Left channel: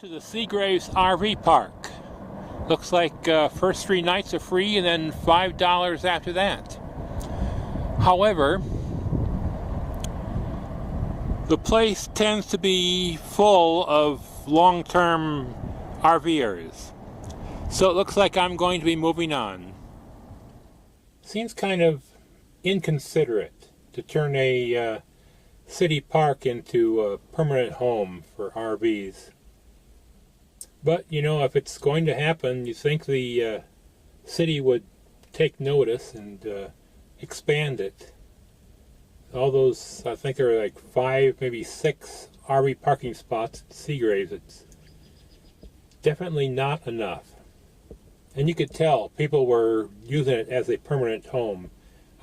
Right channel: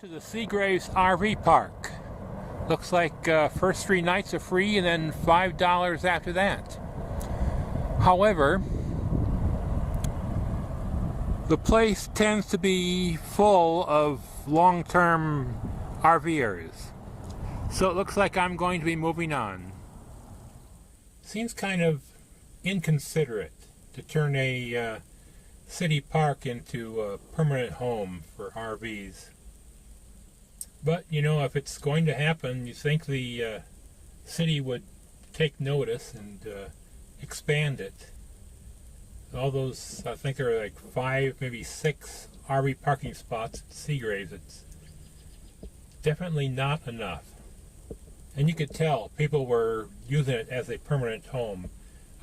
To the Seagraves RV Park. Looks like first 3 nights are free and then $5 after that. However, the place tends to be full of long-term RVers. So it looks like I'm going to be moving on. Seems kind of inconsiderate to turn a city park into a permanent home for RVs. But, you know, if it's going to happen, you think the city would take notice and expand it. All those, I think there are like 5, maybe 6 RV parking spots at Seagraves. It's definitely not enough. And you could tell people were using it as a permanent home.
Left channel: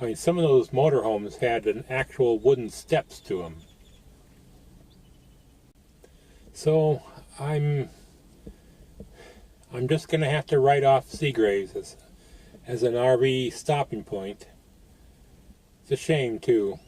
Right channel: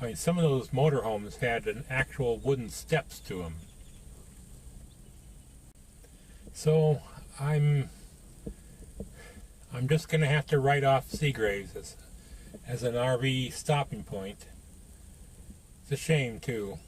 I mean, some of those motorhomes had an actual wooden steps to them. So, I'm just going to have to write off Seagraves as an RV stopping point. It's a shame, too.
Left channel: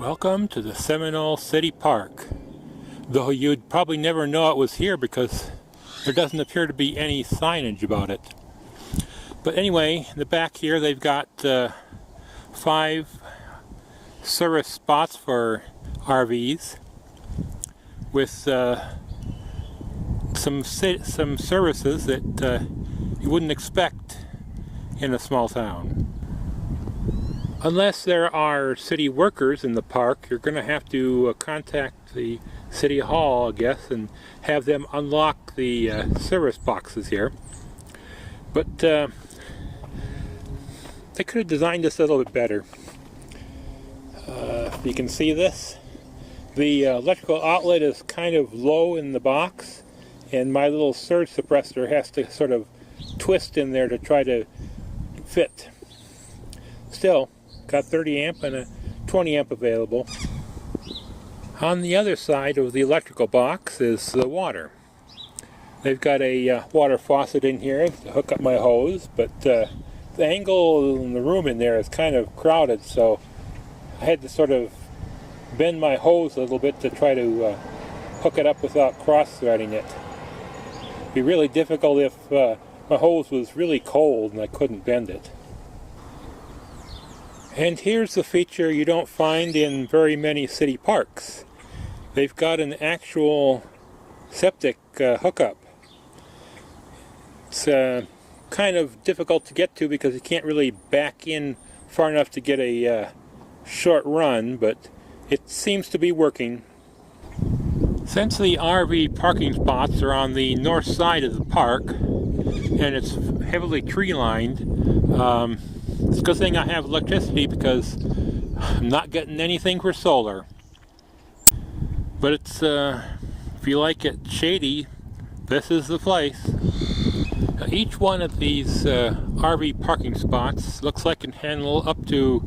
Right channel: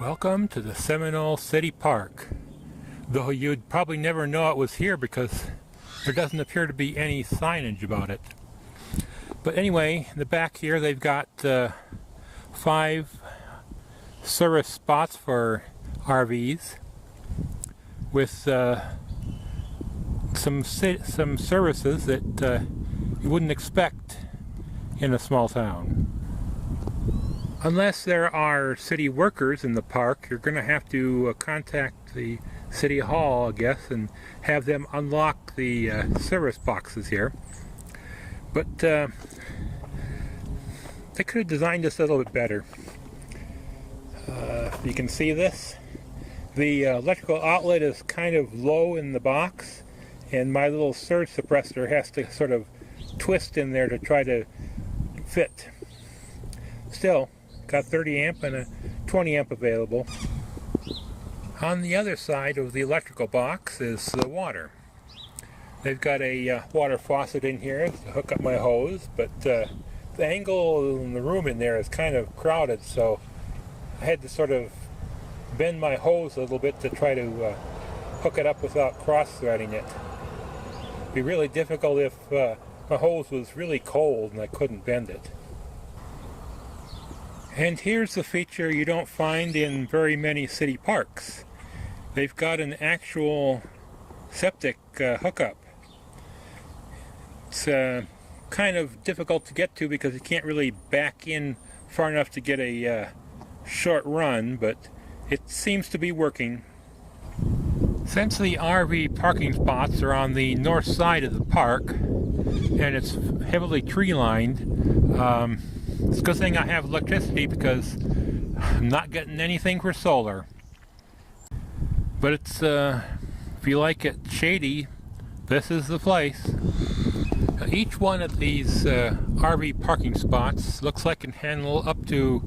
Welcome to the Seminole City Park, though you'd probably never know it was here because there doesn't appear to be any signage about it. But anyway, in the back here they've got 5 service spots for RVs with some services that you wouldn't expect in a small town. Unless there are city workers in the park, you're going to have to contact the city hall, I guess, and have them unlock the service boxes here. But they could have designed this a little bit better. If you can see this, the electrical outlet is kind of low in the box, and my little surge suppressor has to sort of twist in there to try to fit. Still, got 30 amp and a 20 amp available. On the other side of the electrical box is the water. They've got a water faucet in here to hook up my hose, but the angle in the room in there is kind of crowded, so I had to sort of bend my hose a little bit to try to hook it up without cross-threading it. It'd be really difficult if my hose was really cold and I couldn't bend it. And here's the feature you don't find in very many city parks. They've got an actual septic hookup. It's kind of difficult to get to because you can't really back in far enough to get a short run, but it seems to be working. Since the RV parking spots are on the north side of the park and it's heavily tree lined, it's a good thing I have electricity because I'm not getting anything for solar. But it's, if you like it shady, this is the place. Each one of these RV parking spots looks like it can handle up to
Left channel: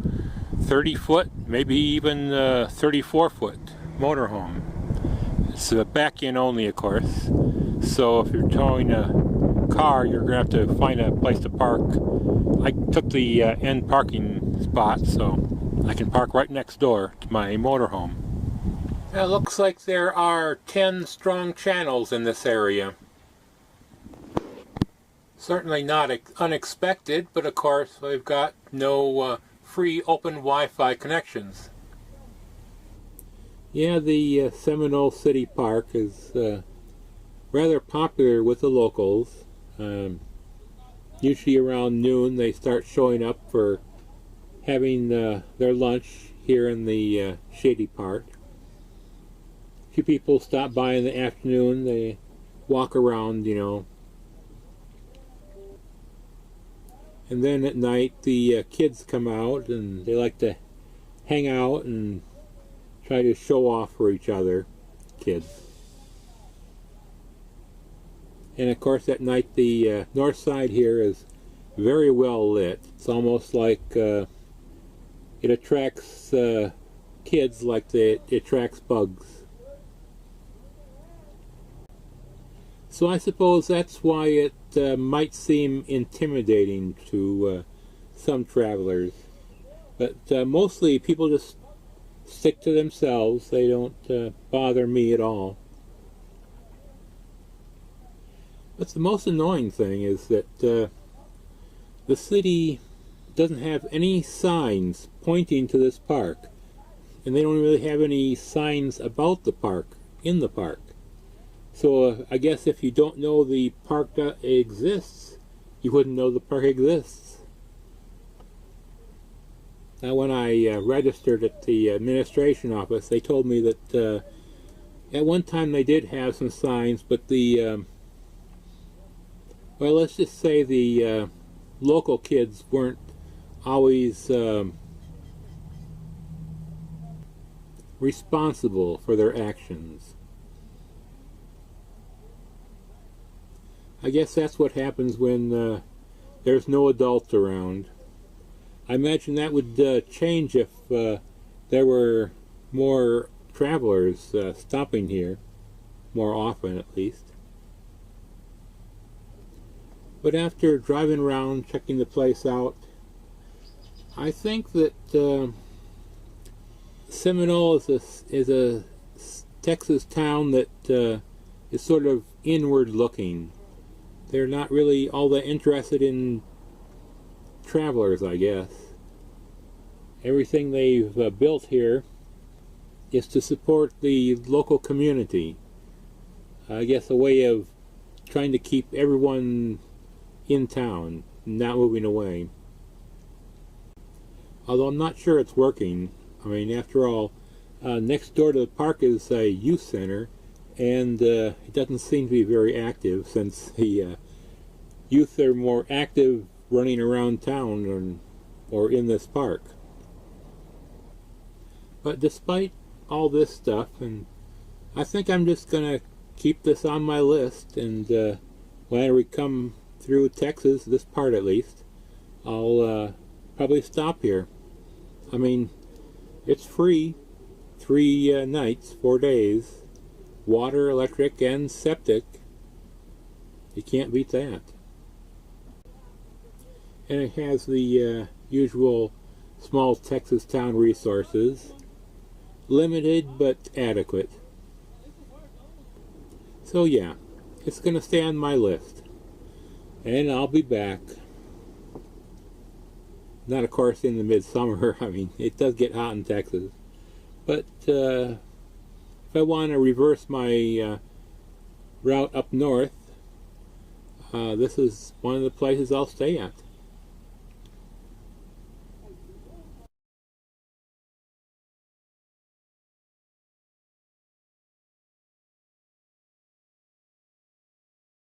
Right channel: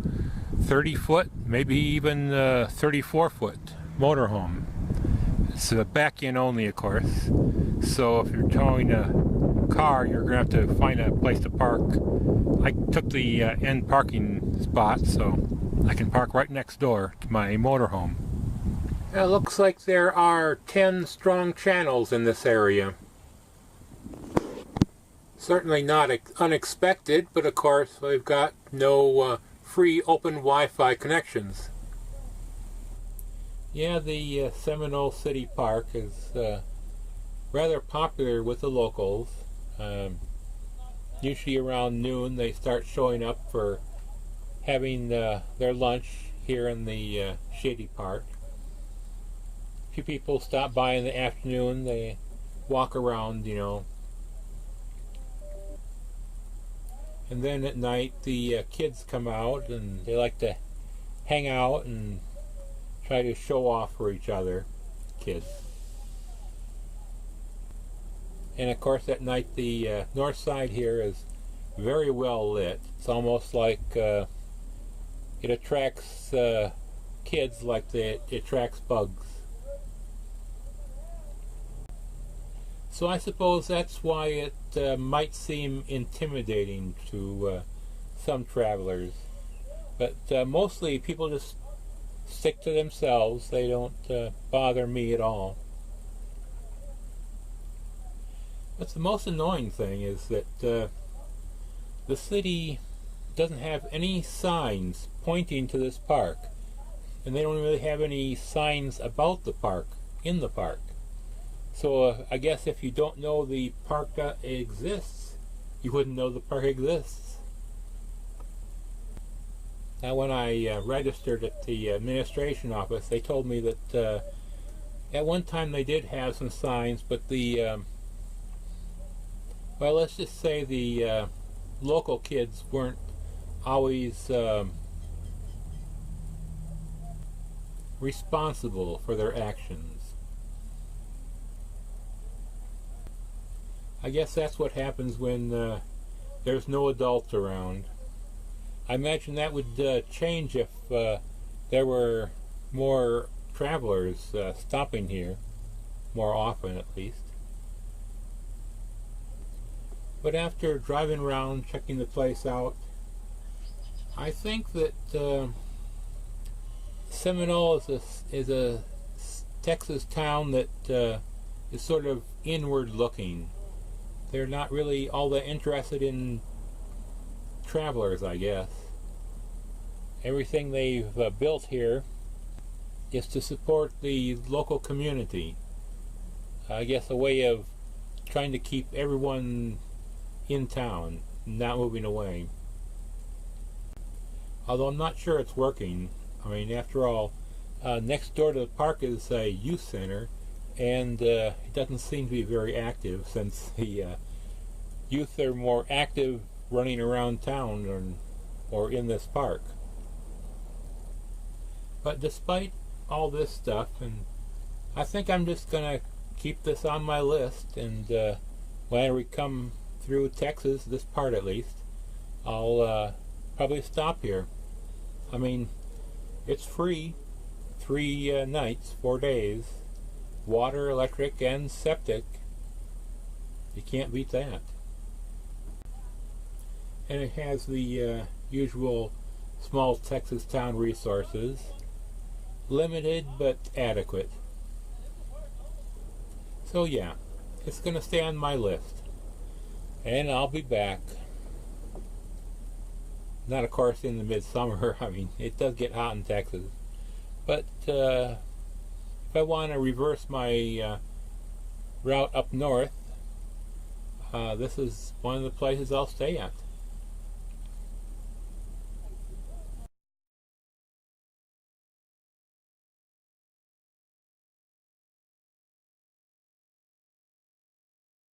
30-foot, maybe even 34-foot motorhome. It's back-in only, of course. So if you're towing a car, you're going to have to find a place to park. I took the end parking spot, so I can park right next door to my motorhome. It looks like there are 10 strong channels in this area. Certainly not unexpected, but of course we've got no free open Wi-Fi connections. Yeah, the Seminole City Park is rather popular with the locals. Usually around noon they start showing up for having their lunch here in the shady part. A few people stop by in the afternoon, they walk around, you know. And then at night the kids come out and they like to hang out and try to show off for each other, kids. And of course at night the north side here is very well lit. It's almost like it attracts kids like it attracts bugs. So I suppose that's why it might seem intimidating to some travelers. But mostly people just stick to themselves. They don't bother me at all. But the most annoying thing is that the city doesn't have any signs pointing to this park. And they don't really have any signs about the park, in the park. So I guess if you don't know the park exists, you wouldn't know the park exists. Now when I registered at the administration office, they told me that at one time they did have some signs, but the, well, let's just say the local kids weren't always responsible for their actions. I guess that's what happens when there's no adults around. I imagine that would change if there were more travelers stopping here, more often at least. But after driving around, checking the place out, I think that Seminole is a Texas town that is sort of inward looking. They're not really all that interested in travelers, I guess. Everything they've built here is to support the local community. I guess a way of trying to keep everyone in town, not moving away. Although I'm not sure it's working. I mean, after all, next door to the park is a youth center, and it doesn't seem to be very active, since the youth are more active running around town or in this park. But despite all this stuff, and I think I'm just gonna keep this on my list, and when we come through Texas, this part at least, I'll probably stop here. I mean, it's free, 3 nights, 4 days, water, electric, and septic. You can't beat that. And it has the usual small Texas town resources, limited but adequate. So yeah, it's going to stay on my list, and I'll be back. Not of course in the midsummer. I mean, it does get hot in Texas, but if I want to reverse my route up north, this is one of the places I'll stay at.